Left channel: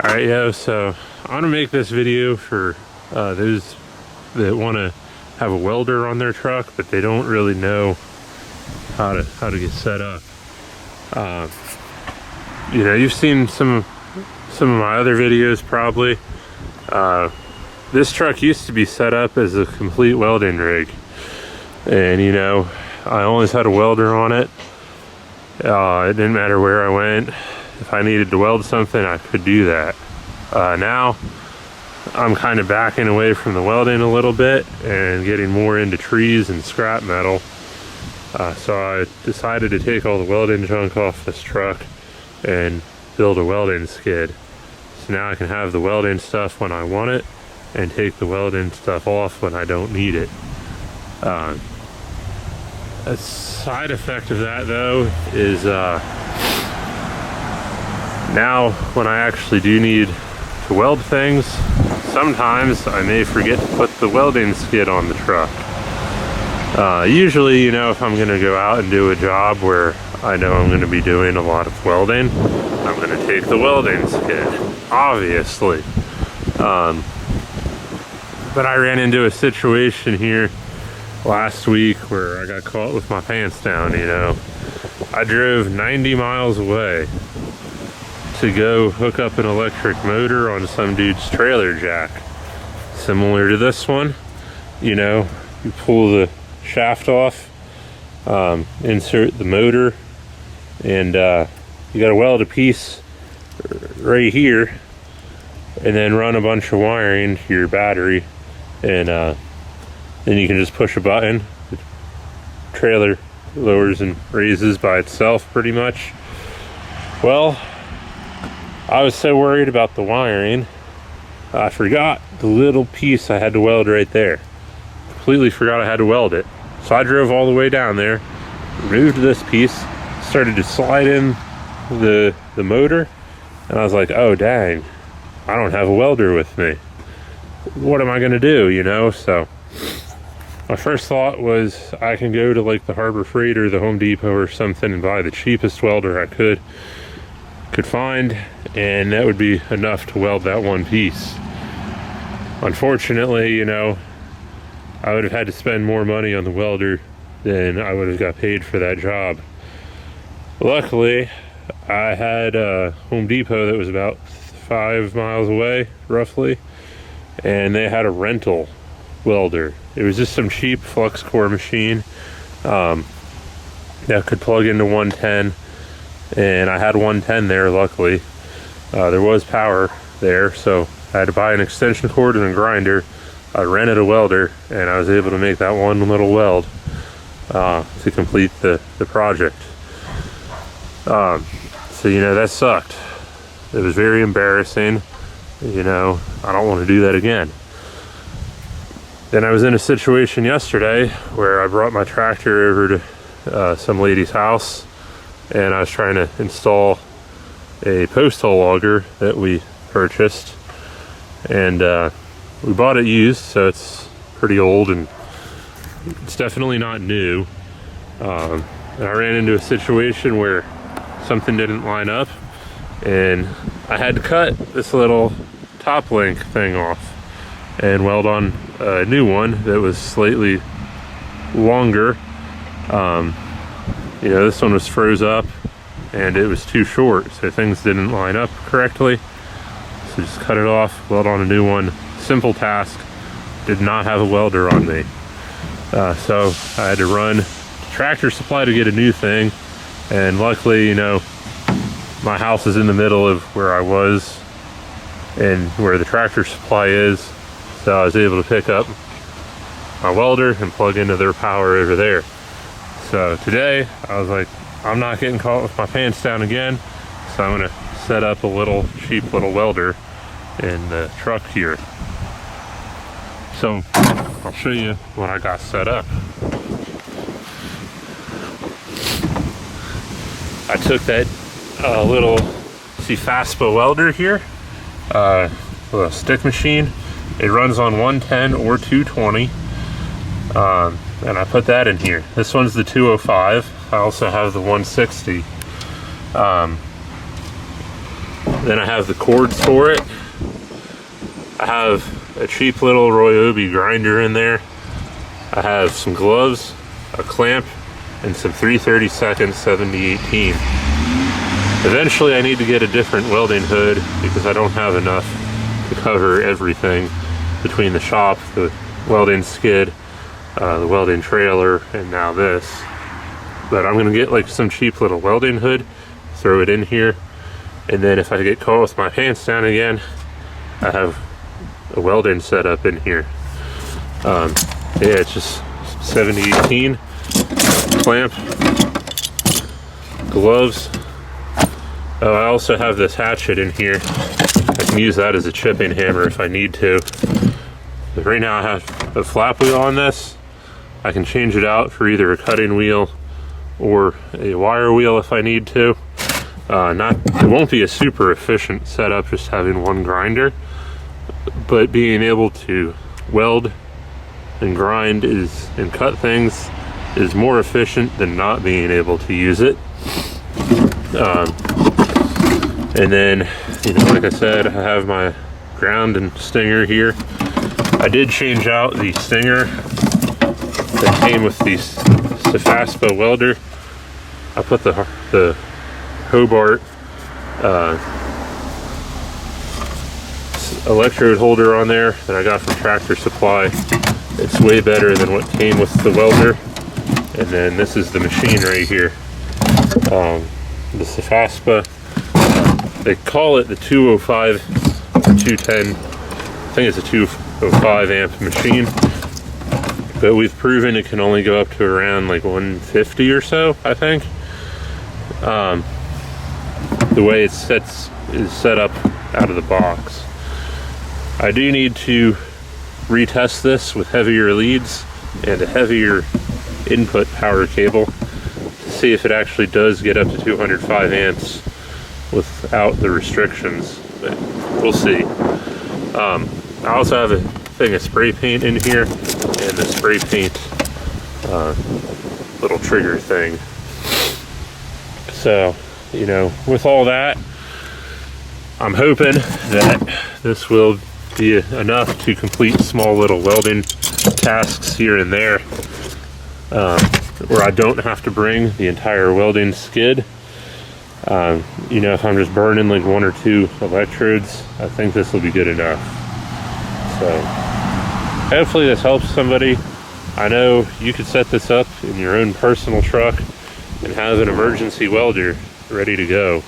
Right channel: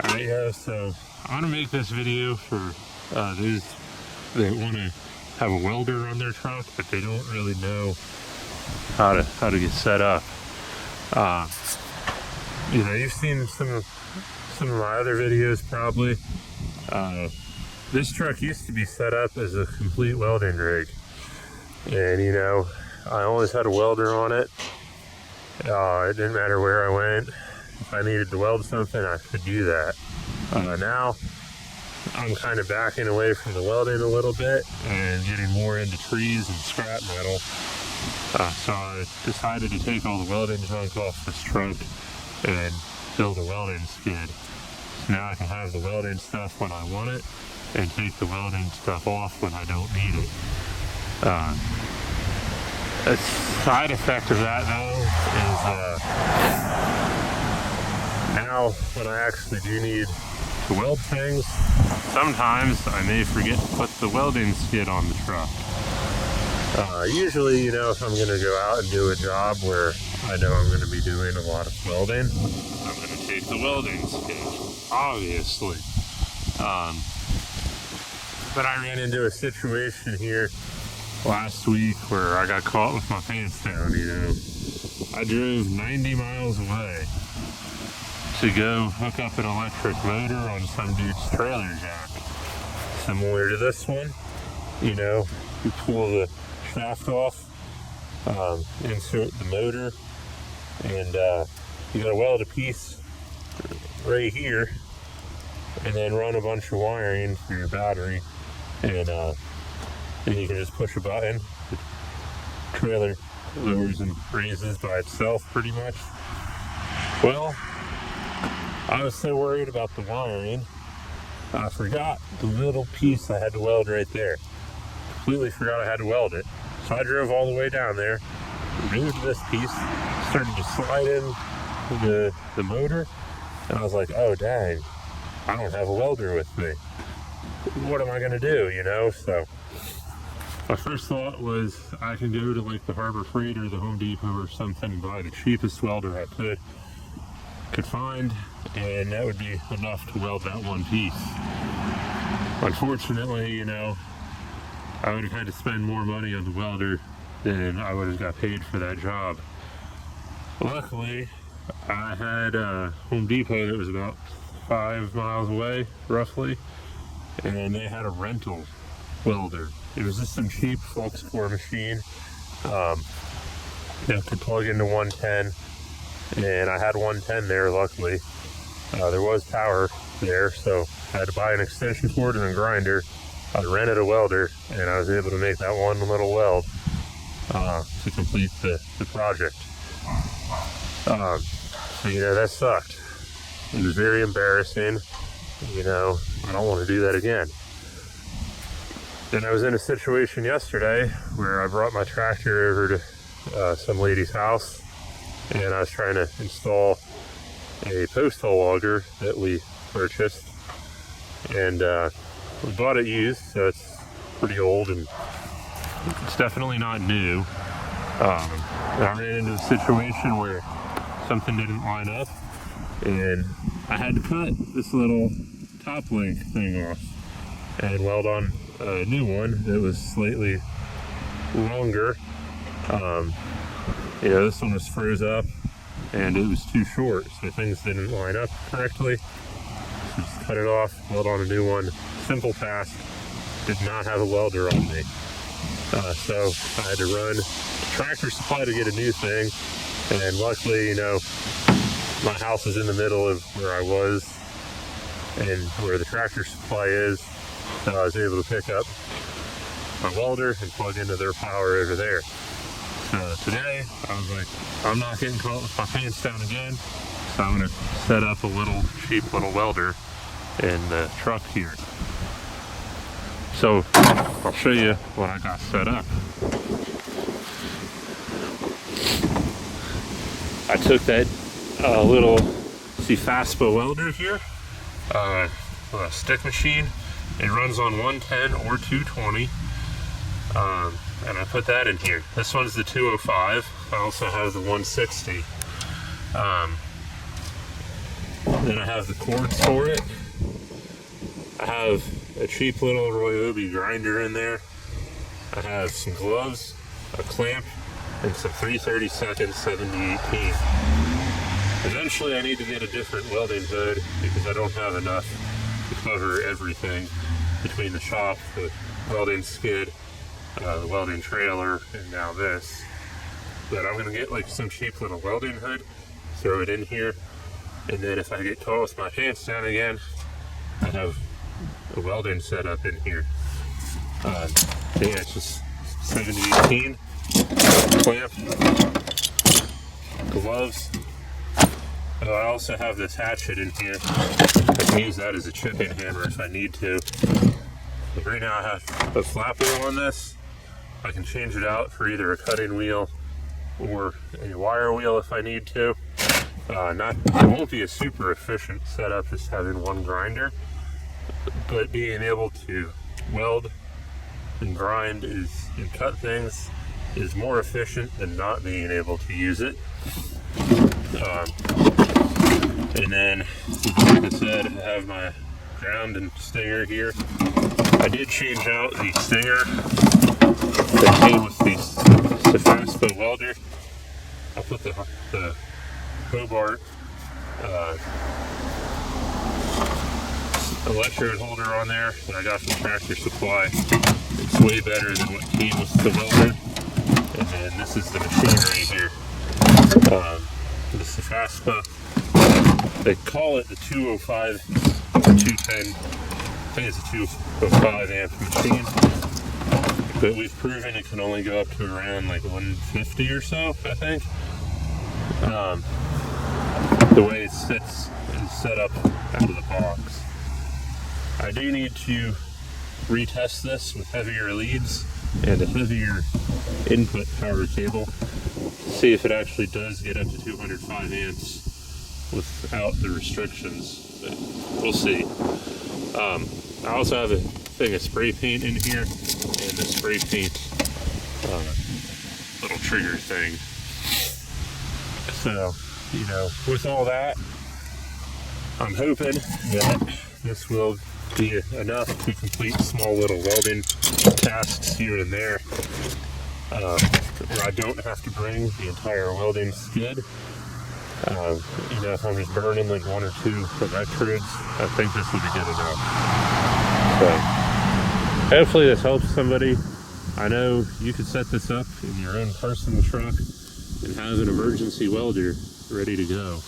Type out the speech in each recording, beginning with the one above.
Alright, yo, so I want to make this video for those that want to have a welder on their truck, but they don't really know how to get set up. You know, you've seen some of my other videos probably. This truck used to be set up as a complete welding rig, and you know, I always had a welder on it. It didn't matter where I went. If I needed to weld something, I could do that. Now I'm kind of backing away from the welding a little bit and getting more into trees and scrap metal. So I decided to take all the welding junk off this truck and build a welding skid. So now I can have the welding stuff when I want it and take the welding stuff off when I don't need it. A side effect of that though is now when I actually do need to weld things, sometimes I may forget to put the welding skid on the truck. Usually, you know, if I'm going to go out and do a job where I know I'm going to be doing a lot of welding, I'm going to take the welding skid, obviously. But I ran into a situation here last week where I got caught with my pants down, you know. I drove 90 miles away to go hook up an electric motor on some dude's trailer jack. Similar to this one, you know, you pull the shaft off, insert the motor, and you gotta weld a piece right here and then run a bunch of wiring to your battery, and then you can just push a button. The trailer lowers and raises by itself pretty much. Well, I was so worried about the wiring, I forgot the little piece I had to weld right there. Completely forgot I had to weld it. So I drove all the way down there, removed this piece, started to slide in the motor, and I was like, oh dang, I don't have a welder with me. What am I gonna do, you know? So my first thought was I can go to like the Harbor Freight or the Home Depot or something and buy the cheapest welder I could find, and that would be enough to weld that one piece. Unfortunately, you know, I would have had to spend more money on the welder than I would have got paid for that job. Luckily, I had a Home Depot that was about 5 miles away, roughly, and they had a rental welder. It was just some cheap flux core machine that could plug into 110, and I had 110 there, luckily. There was power there, so I had to buy an extension cord and a grinder. I rented a welder, and I was able to make that one little weld to complete the project. So, you know, that sucked. It was very embarrassing. You know, I don't want to do that again. Then I was in a situation yesterday where I brought my tractor over to some lady's house, and I was trying to install a post hole auger that we purchased, and we bought it used, so it's pretty old and it's definitely not new. And I ran into a situation where something didn't line up, and I had to cut this little top link thing off and weld on a new one that was slightly longer. You know, this one was froze up and it was too short, so things didn't line up correctly. So just cut it off, weld on a new one. Simple task. Did not have a welder on me. So I had to run to Tractor Supply to get a new thing, and luckily, you know, my house is in the middle of where I was and where the Tractor Supply is, so I was able to pick up my welder and plug into their power over there. So today I was like, I'm not getting caught with my pants down again, so I'm gonna set up a little cheap little welder in the truck here. So I'll show you what I got set up. I took that little Fastpa welder here, with a stick machine. It runs on 110 or 220, and I put that in here. This one's the 205. I also have the 160. Then I have the cords for it. I have a cheap little Ryobi grinder in there. I have some gloves, a clamp, and some 3/32 7018. Eventually I need to get a different welding hood because I don't have enough to cover everything between the shop, the welding skid, the welding trailer, and now this. But I'm gonna get like some cheap little welding hood, throw it in here, and then if I get caught with my pants down again, I have a welding setup in here. Yeah, it's just 7018, clamp, gloves. Oh, I also have this hatchet in here. I can use that as a chipping hammer if I need to. But right now I have a flap wheel on this. I can change it out for either a cutting wheel or a wire wheel if I need to. It won't be a super efficient setup just having one grinder, but being able to weld and grind and cut things is more efficient than not being able to use it. And then, like I said, I have my ground and stinger here. I did change out the stinger that came with the Sefaspa welder. I put the Hobart electrode holder on there that I got from Tractor Supply. It's way better than what came with the welder. And then this is the machine right here. The Sefaspa, they call it the 205 or 210. I think it's a 205 amp machine, but we've proven it can only go up to around like 150 or so, I think. The way is set up out of the box. I do need to retest this with heavier leads and a heavier input power cable to see if it actually does get up to 205 amps without the restrictions, but we'll see. I also have a thing of spray paint in here and the spray paint little trigger thing. So, with all that, I'm hoping that this will be enough to complete small little welding tasks here and there, where I don't have to bring the entire welding skid. If I'm just burning like one or two electrodes, I think this will be good enough. So hopefully this helps somebody. I know you could set this up in your own personal truck and have an emergency welder ready to go.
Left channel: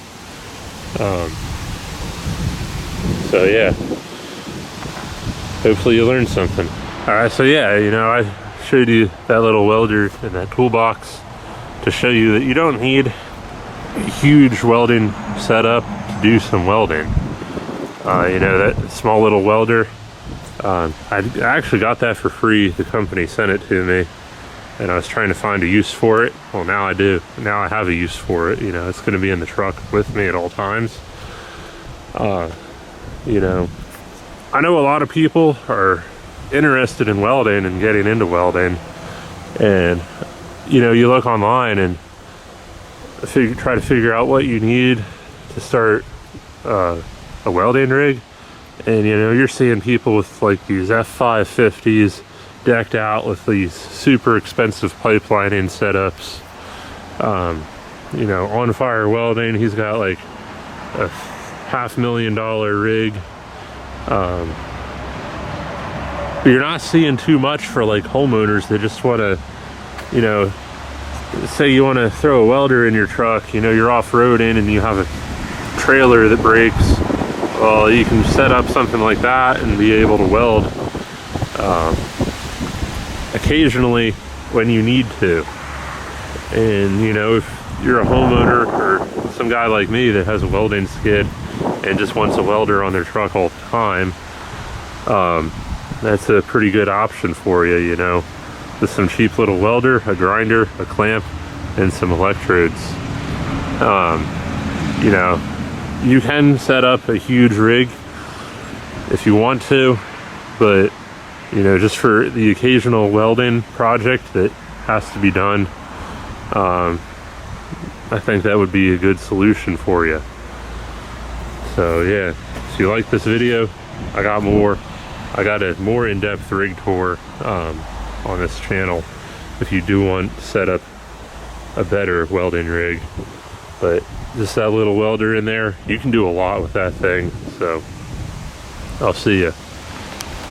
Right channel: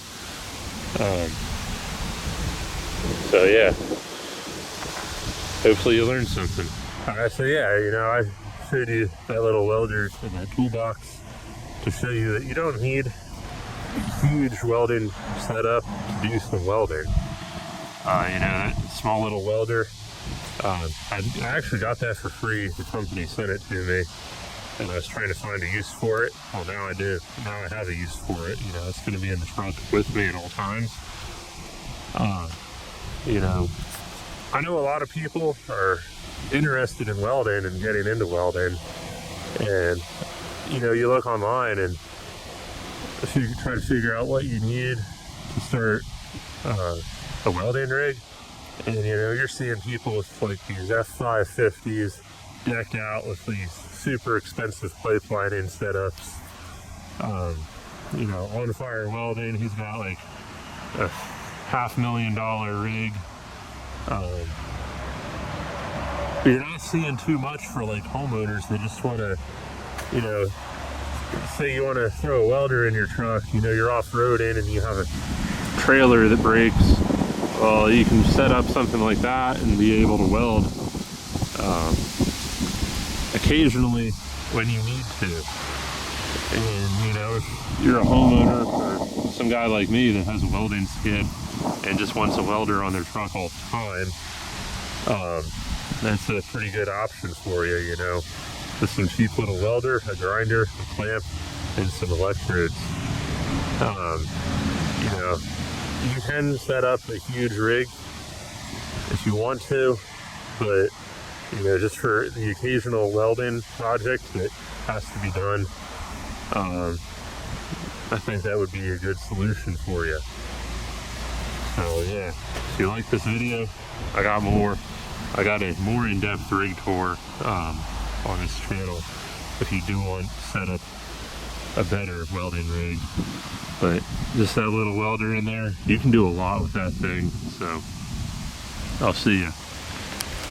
So yeah, hopefully you learned something. All right, so yeah, I showed you that little welder in that toolbox to show you that you don't need a huge welding setup to do some welding. That small little welder, I actually got that for free. The company sent it to me, and I was trying to find a use for it. Well, now I do. Now I have a use for it. It's going to be in the truck with me at all times. I know a lot of people are interested in welding and getting into welding, and you look online and try to figure out what you need to start a welding rig, and you're seeing people with like these F550s decked out with these super expensive pipelining setups. On Fire Welding, he's got like a $500,000 rig. But you're not seeing too much for like homeowners that just want to, say you want to throw a welder in your truck, you're off-roading and you have a trailer that breaks. Well, you can set up something like that and be able to weld occasionally when you need to. And if you're a homeowner or some guy like me that has a welding skid and just wants a welder on their truck all the time, that's a pretty good option for you, with some cheap little welder, a grinder, a clamp, and some electrodes. You can set up a huge rig if you want to, but just for the occasional welding project that has to be done, I think that would be a good solution for you. So yeah, if you like this video, I got a more in-depth rig tour on this channel if you do want to set up a better welding rig. But just that little welder in there, you can do a lot with that thing. So I'll see ya.